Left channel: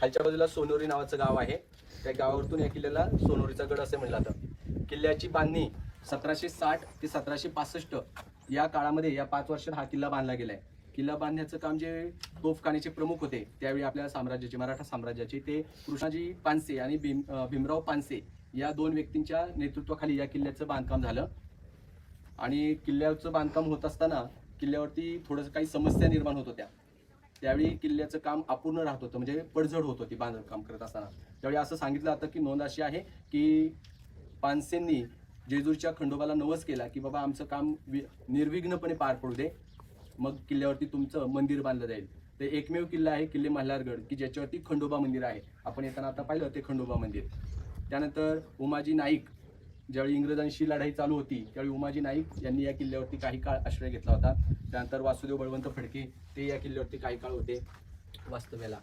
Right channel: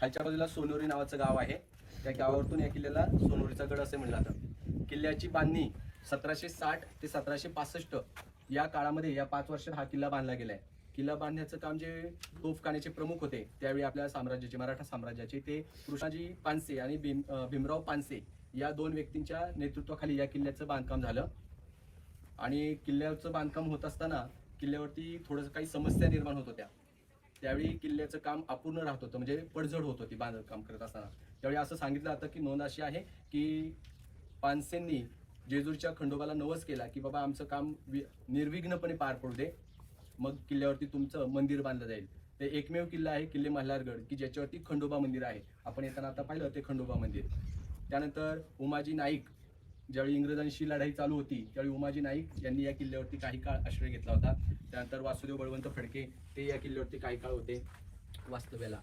खालच्या बाजूला सोनोरी नावाचं गाव आहे. त्या गावावरतून या किल्ल्याला सोनोरीचा गड असे म्हणलं जातं. किल्ल्याची बांधणी 1760 ते 1765 या काळामध्ये, या 5 वर्षात हा किल्ला बांधला गेलाय. किल्ला बांधण्याचं काम जे तोफखान्याचे प्रमुख होते त्यावेळी आपल्या साम्राज्याचे, मराठा साम्राज्याचे, ते कृष्णाजी पानसे आणि भीमराव पानसे या 2 व्यक्तींच्या नेतृत्वाखाली या किल्ल्याचं बांधकाम झालं. आणि किल्ल्याचं बांधकाम होत असताना किल्ल्यावरती थोडंसं काही समस्या निर्माण होत होत्या. त्यावेळी किल्ल्याचं काम अपूर्ण राहत होतं, म्हणजे पडझड होत होती बांधकाम करत असताना. त्यावेळी असं सांगितलं जातं की नोंद अशी आहे की पानसेंनी जेजूरच्या खंडोबाला नवस केला की बाबा आमचं काम निर्विघ्नपणे पार पडू दे, मग किल्ल्यावरती तुमचं मंदिर बांधलं जाईल. ते एकमेव किल्ला आहे किल्ले मल्हारगड की ज्याच्यावरती खंडोबा मंदिर आहे. आपण येताना आता पाहिलं ते खंडोबा मंदिर. त्यानंतर उमाजी नाईक, ज्यावेळी इंग्रजांशी लढाई चालू होती त्यावेळी उमाजी नाईक यांनी या किल्ल्यावरती काही काळ आश्रय घेतला होता. त्यानंतर वासुदेव बळवंत फडके ते या किल्ल्यावरती काही काळ होते वास्तव्याला.